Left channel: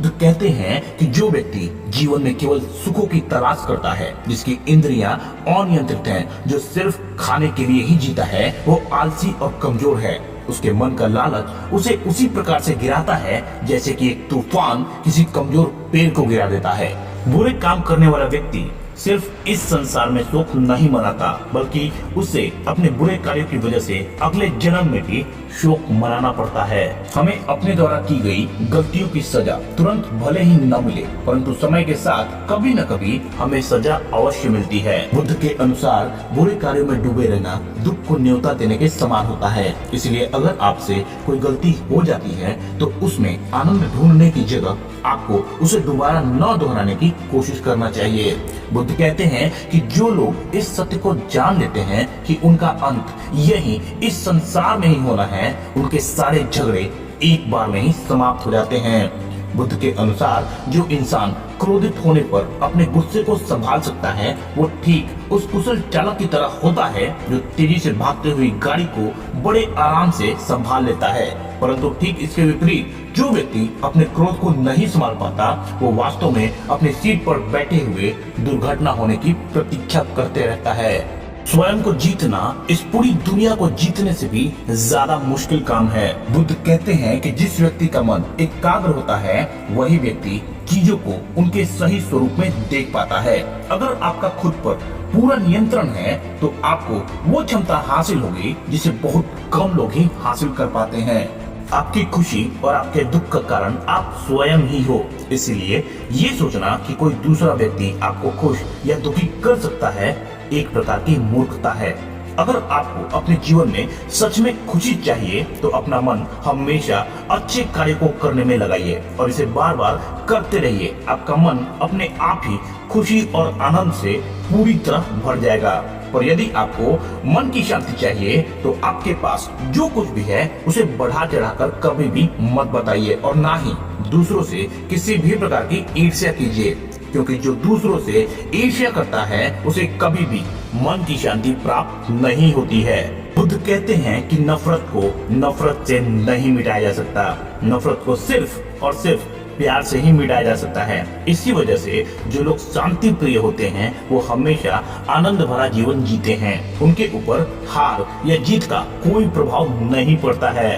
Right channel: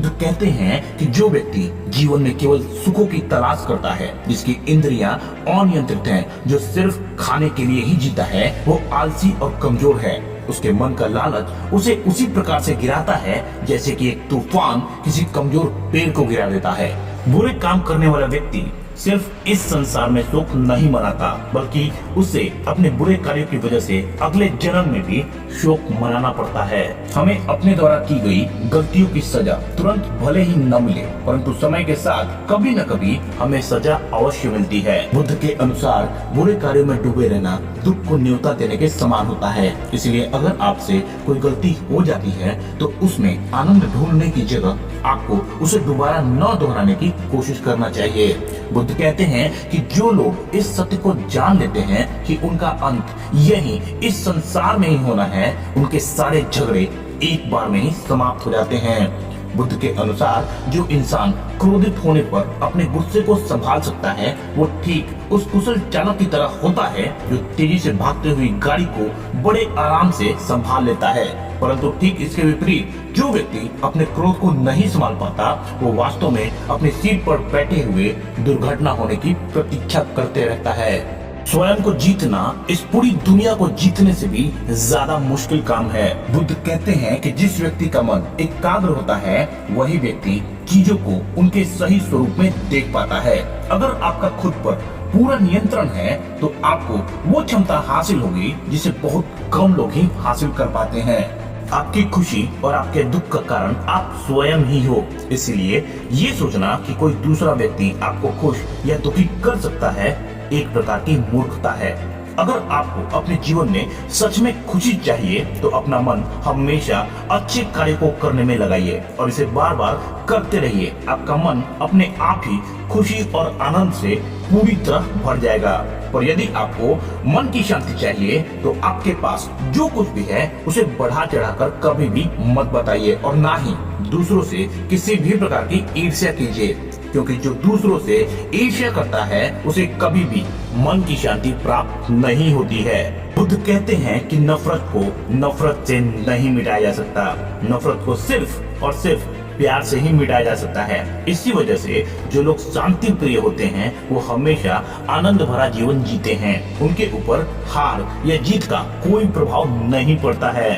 बुद्ध कहते हैं कि जो व्यक्ति जीवन में केवल सुखों की तलाश करता है, जिसकी इंद्रियां अनियंत्रित हैं, जो सिर्फ खाने के लिए ही जीता है, वो आलसी और कमजोर है। उसके मन का लालच उसे उसी प्रकार से गिराता है जैसे कि एक तूफान किसी कमजोर पेड़ को गिरा देता है। बुरे काम करने वाला व्यक्ति सिर्फ इस संसार में सुख नहीं मनाता, बल्कि उसे अपने बुरे कार्यों की वजह से अगले जन्म में भी शोक मनाना पड़ता है। हमें अपने द्वारा की गई गलतियों की सजा तुरंत भले ही न मिले, परंतु समय के साथ कभी न कभी हमें सजा अवश्य मिलती है। बुद्ध के अनुसार बुरे कार्यों में डूबे रहना दुख को न्योता देने के समान होता है। इसलिए अगर आपसे कोई गलती हो जाती है तो उसमें आनंद ढूंढने की जगह आपको उसे दोबारा न दोहराने की कोशिश करना चाहिए। बुद्ध कहते हैं कि जो लोग इस सत्य को जान लेते हैं कि उनका अंत यही इस संसार में ही होना है, उनके सारे झगड़े एक बार में ही समाप्त हो जाते हैं। बुद्ध के अनुसार जो इंसान क्रोधित होने पर अपने गुस्से को संभाल सकता है, वो ठीक उस कुशल चालक की तरह होता है जो तेजी से भागते हुई गाड़ी को बड़े आराम से संभाल लेता है। परंतु ठीक इसके विपरीत जो व्यक्ति अपने क्रोध को नहीं संभाल पाता, वो वास्तव में अपनी सीट पर बैठे हुए दुर्घटना होने की प्रतीक्षा करते रहता है। स्वयं को जीतना इस पूरी दुनिया को जीतने से भी ज्यादा मुश्किल काम है। बुद्ध कहते हैं कि जिस व्यक्ति का मन एकाग्र होता है, वही व्यक्ति चीजों को उनके सही स्वरूप में देख पाता है। अगर आपका खुद पर पूरा नियंत्रण है तो आपको वो क्षमता हासिल होगी जिसे बहुत कम लोग ही हासिल कर पाते हैं। आपकी खुशी और आपके दुख का कारण आप स्वयं ही हो। इसलिए ये सोचना कि कोई दूसरा व्यक्ति आपको खुश या दुखी कर सकता है एक प्रकार की मूर्खता है। अगर आपको अपने जीवन में सच में खुशी चाहिए तो अपना मन हमेशा अच्छे कार्य को करने में लगाइए और इसे बार बार करते रहिए। आपका मन अपने आप ही खुशी और आनंद से पूरी तरह भर जाएगा। पर यदि आपको मन की शांति चाहिए तो आपके पास जो कुछ भी है उसे बढ़ा चढ़ाकर कभी भी मत बताइए और ना ही दूसरों से किसी भी प्रकार की ईर्ष्या कीजिए, क्योंकि जो दूसरों से ईर्ष्या करता है उसे कभी भी मन की शांति प्राप्त नहीं होती है। बुद्ध कहते हैं कि नफरत को नफरत से नहीं मिटाया जा सकता, नफरत को सिर्फ और सिर्फ प्यार से ही मिटाया जा सकता है। इसी वजह से जो लोग शांति प्रिय होते हैं वो हमेशा आनंद भरा जीवन जीते हैं। उनके ऊपर हार या जीत का कोई प्रभाव नहीं पड़ता है।